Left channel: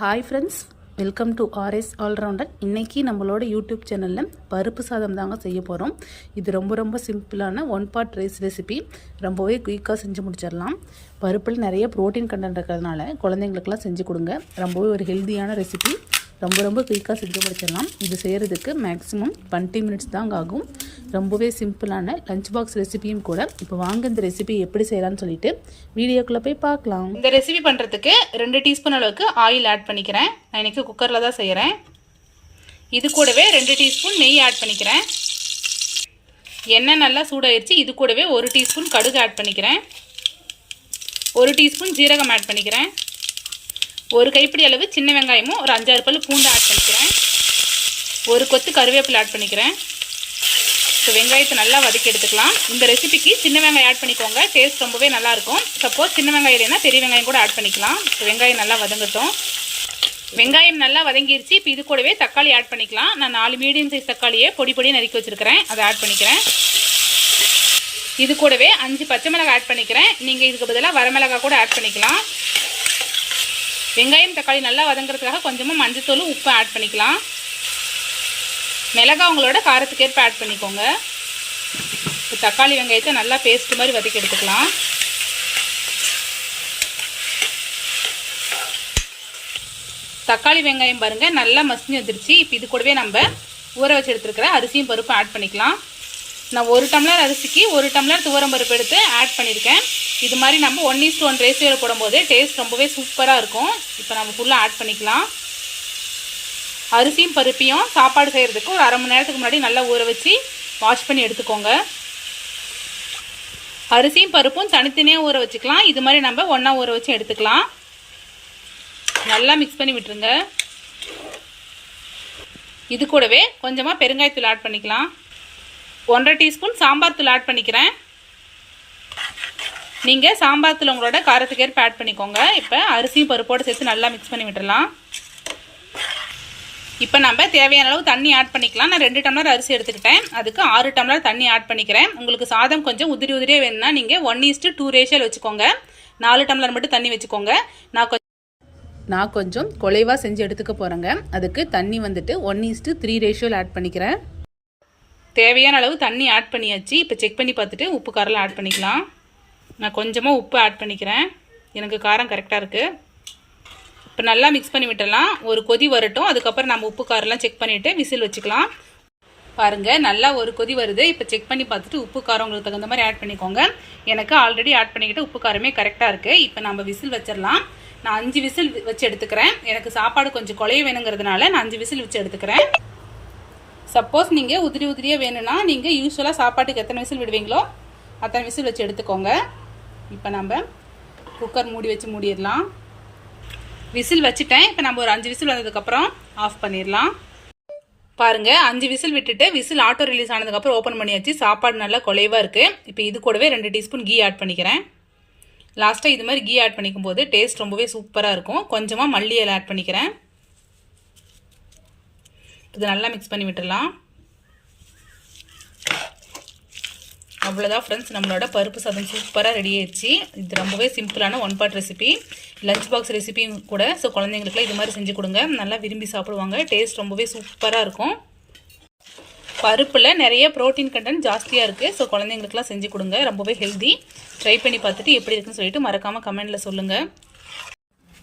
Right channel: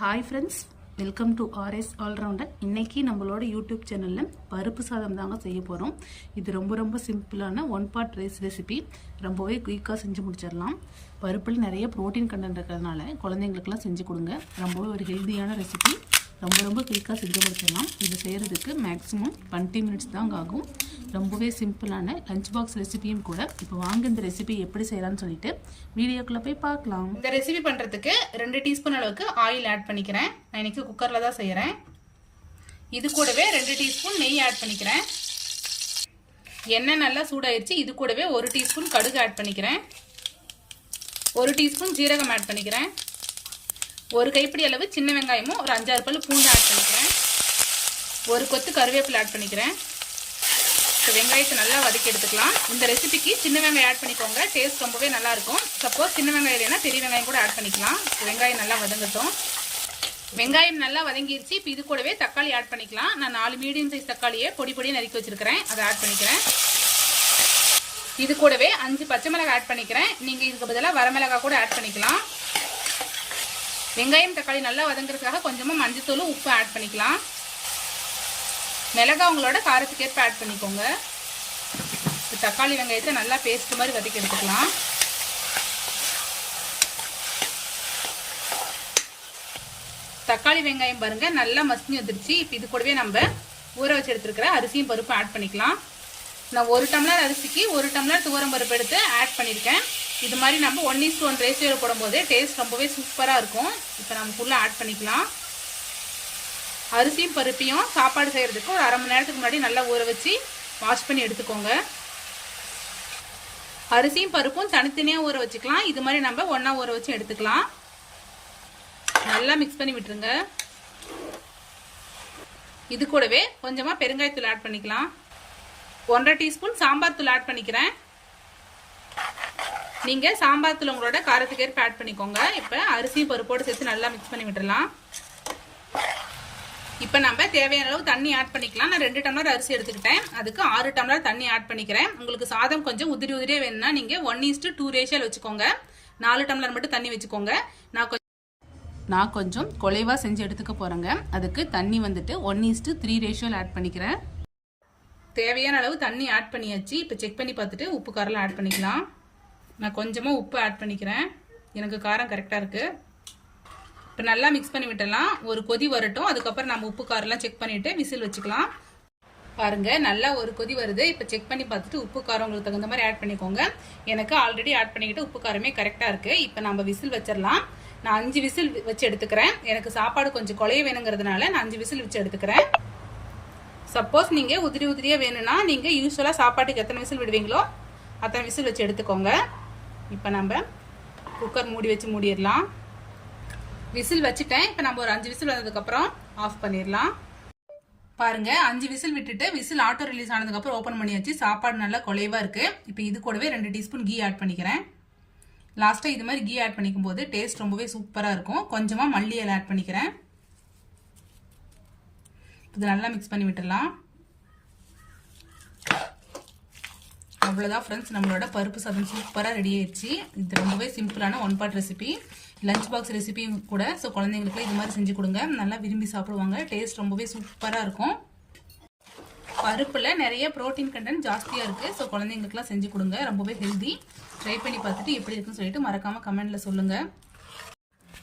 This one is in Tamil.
Hi friends welcome to RS allrounder இன்றைக்கி நம்மளோட யூடியூப் சேனலில் பருப்பு சாதம் தாங்க செய்ய போகிறோம் இது ரொம்ப ரொம்ப சிம்பிளான ஒன் பார்ட் ரைஸ் ரெசிபி ரொம்பவே குயிக்காக செஞ்சு முடிச்சிடலாம். பருப்பில் நிறைய ப்ரோட்டீன் கண்டென்ட் இருக்கிறதுனால குழந்தைங்களுக்கெல்லாம் செஞ்சு கொடுங்க. ரொம்பவே ஒரு ஹெல்த்தியான ரெசிபி ரொம்ப ரொம்ப குயிக்காக செஞ்சு முடிச்சிடலாம் இது செய்கிறதுக்கு மேக்ஸிமம் டுவெண்ட்டி மினிட்ஸ் தாங்க ஆகும். ரொம்பவே சிம்பிளான லஞ்ச் பாக்ஸ் ரெசிபியும் கூட. இப்போ வாங்க இந்த ரெசிபி எப்படி செய்யலாம்னு சொல்லிட்டு வீடியோக்குள்ளே போய் பார்க்கலாம். இந்த ரெசிபி பண்ணுறதுக்கு ரெண்டு டீஸ்பூன் அளவுக்கு ஆயில் ஆட் பண்ணிக்கிறேன். நான் இன்றைக்கி குக்கரில் தான் செய்கிறேன் இது கூடவே ரெண்டு டீஸ்பூன் நெய் ஆட் பண்ணிக்கிறேன். எண்ணெய் நல்லா சூடாயிருச்சு. இது கூடவே ஒரு டீஸ்பூன் கடுகு ஆட் பண்ணிக்கிறேன். ஒரு டீஸ்பூன் ஜீரகம் ஆட் பண்ணிக்கிறேன். ஒரு கைப்பிடி அளவு சின்ன வெங்காயமும் ஒரு அஞ்சாறு பல் பூண்டு ஆட் பண்ணிக்கிறேன். ஒரு கொத்து கருவேப்பிலை ஆட் பண்ணிக்கிறேன். இப்போ வெங்காயத்தை நல்லா வதக்கி எடுத்துக்கலாம். இந்த ரெசிபிக்கு சின்ன வெங்காயம் ஆட் பண்ணிக்கோங்க. டேஸ்ட் ரொம்பவே நல்லாயிருக்கும் சப்போஸ் சின்ன வெங்காயம் இல்லைன்னா பெரிய வெங்காயம் கூட ஆட் பண்ணிக்கலாம். வெங்காயம் நல்லா வதங்கட்டும். வெங்காயம் நல்லா வதங்கிருச்சு. இப்போ இது கூடவே தக்காளி ஆட் பண்ணிக்கலாம். நான் நாலு மீடியம் சைஸ் தக்காளியை பொடி பொடி நறுக்கி வச்சுருக்கிறேன். அதை ஆட் பண்ணிக்கிறேன். இது கூடவே அஞ்சு பச்சை மிளகாய் ஆட் பண்ணிக்கிறேன். நீங்கள் இதுக்கு பதிலாக வரமிளகாய் கூட ஆட் பண்ணிக்கலாம். வெங்காயம் தக்காளி நல்லா வதங்குறதுக்காக கொஞ்சமாக மஞ்சத்தூள் உப்பு ஆட் பண்ணிக்கலாம். மிளகா உங்களோட காரத்துக்கேற்ப ஆட் பண்ணிக்கோங்க. இப்போ தக்காளி வெங்காயத்தை நல்லா பேஸ்ட் மாதிரி வதக்கி எடுத்துக்கலாம். தக்காளி வெங்காயம் பாருங்கள் நல்லா மசிஞ்சு வந்துருச்சு. இப்போ இது கூடவே நம்ம ஊற வச்சு எடுத்துருக்கிற அரிசியும் பருப்பும் ஆட் பண்ணிக்கலாம். நான் ஒரு டம்ளர் அரிசிக்கு ஒரு டம்ளர் துவரம் பருப்பு எடுத்து ஆட் பண்ணியிருக்கேன். இது மாதிரி நம்ம ஒன் இஸ் ஒன் ரேஷியோவில் போடும்போது டேஸ்ட் ரொம்பவே சூப்பராக இருக்கும். இப்போ நம்ம ஃபுல்லாக ஆட் பண்ணிக்கலாம். அரிசியும் பருப்பையும் சாப்பாடு செய்கிறதுக்கு ஒரு அரை மணி நேரத்துக்கு முன்னாடி நல்லா ஊற வச்சு வாஷ் பண்ணி எடுத்துக்கோங்க. அரிசியும் பருப்பும் தனித்தனியாக ஊற வச்சுக்கலாம். இது மாதிரி நம்ம ஒன்றா ஊற வச்சு எடுத்துக்கலாம். நல்லா மிக்ஸ் பண்ணி விட்டுருங்க. இது கூடவே கொஞ்சமாக பெருங்காயத்தூள் ஆட் பண்ணிக்கலாம். ஒன்றரை டீஸ்பூன் சாம்பார் தூள் ஆட் பண்ணிக்கிறேன். நீங்கள் சாம்பார் தூள் உங்களோட காரத்துக்கு ஏற்ப ஆட் பண்ணிக்கோங்க. இப்போ அரிசியும் பருப்போடு சேர்த்து நல்லா மிக்ஸ் பண்ணி விட்டுடலாம் இப்போ நம்ம தேவையான அளவு தண்ணி ஆட் பண்ணிக்கலாம். நான் ரெண்டு டம்ளர் அரிசி எடுத்துக்கிட்டேன். அதுக்கு ஆறு டம்ளர் தண்ணி ஆட் பண்ணிக்கிறேன். உங்களுக்கு சாதம் கொஞ்சம் உதிரி உதிரியே வேணும்னா நீங்கள் ஒன் ஈஸ்ட்டு டூ ரேஷியல் வச்சுக்கோங்க. நாலு டம்ளர் மட்டும் தண்ணி வச்சுக்கோங்க. நான் கொஞ்சம் நான் கொஞ்சம் குலைவாக செஞ்சு எடுத்துக்க போகிறேங்க அதுக்கு தண்ணி வந்துட்டு ஒன் ஈஸ்ட்டு த்ரீ ரேஷியோவில் ஆட் பண்ணிக்கிறேன். தேவையான அளவு தண்ணி ஆட் பண்ணியாச்சு. இப்போ செக் பண்ணி பார்த்துட்டு உப்பு காரெல்லாம் ஆட் பண்ணிக்கலாம். நான் கொஞ்சமாக உப்பு ஆட் பண்ணிக்கிறேன். எனக்கு காரம் கரெக்டாக இருக்குது இப்போ நல்லா மிக்ஸ் பண்ணி விட்டலாம் ஒரு கொதி வரட்டும். அதுக்கப்புறம் நம்ம உப்பு காரெல்லாம் செக் பண்ணிவிட்டு விசில் வச்சுக்கலாம். பாருங்கள் நல்லா ஒரு கொதி வருது. இப்போ செக் பண்ணி பார்த்துட்டு உப்பு காரம் உங்களுக்கு தகுந்த மாதிரி ஆட் பண்ணிக்கோங்க. எனக்கு ஆல்ரெடி ஆட் பண்ணிக்கிட்டு உப்பு காரமே கரெக்டாக இருக்குது இப்போ நம்ம விசில் வச்சிடலாம். நான் அஞ்சு விசில் வச்சு எடுத்துக்கிறேன். எனக்கு சாப்பாடு கொஞ்சம் குழைய வேணுங்கிறதுனால நான் அஞ்சு விசில் வச்சு எடுத்துக்கிறேன். சப்போஸ் நீங்கள் உதிரி உதிரியாக வேணும்னா நீங்கள் யூஸ்வலாக சாப்பாட்டுக்கு எத்தனை விசில் விடுவீங்களோ அத்தனை விசில் வச்சு எடுத்துக்கோங்க. இப்போ நம்ம குக்கர் மூடி வச்சு மூடிடலாம். விசில் வச்சுட்டேன். இப்போ நம்ம ஒரு அஞ்சு விசில் வந்ததுக்கப்புறம் ஆஃப் பண்ணிடலாம். பாருங்கள் அஞ்சு விசில் விட்டுட்டு விசில் ஆட்டோ ரிலீஸ் ஆனதுக்கப்புறம் ஓப்பன் பண்ணியாச்சு. சாப்பாடு நல்லா குலைவாக இருக்குது இப்போ இது கூடவே ரெண்டு டீஸ்பூன் கீ ஆட் பண்ணிக்கிறேன். லாஸ்ட்டாக இது மாதிரி கீ ஆட் பண்ணிக்கும் போது டேஸ்ட் ரொம்பவே சூப்பராக இருக்கும். கொஞ்சமாக மல்லி இலை ஆட் பண்ணிக்கிறேன். இது நல்லா மிக்ஸ் பண்ணி விட்டுடலாம். அவ்வளோதான் ஃப்ரெண்ட்ஸ் நம்மளோட பருப்பு சாதம் சூப்பராக ரெடி ஆயிடுச்சு. இது ரொம்பவே சிம்பிளான one pot recipe lunch box ரெசிபியும் கூட ஸோ குழந்தைங்களுக்குலாம் இது மாதிரி செஞ்சு கொடுங்க. நல்லா விரும்பி சாப்பிடுவாங்க. டேஸ்ட் ரொம்பவே சூப்பராக இருக்கும். பருப்பில் நிறைய ப்ரோட்டீன் கண்டென்ட் ஜாஸ்தியாக இருக்குது ஸோ குழந்தைங்களுக்குலாம் செஞ்சு கொடுங்க. ரொம்பவே ஹெல்தி ட்ரை பண்ணி பார்த்துட்டு எப்படி இருக்குன்னு சொல்லிட்டு மறக்காமல் கமெண்ட்டில் சொல்லுங்கள்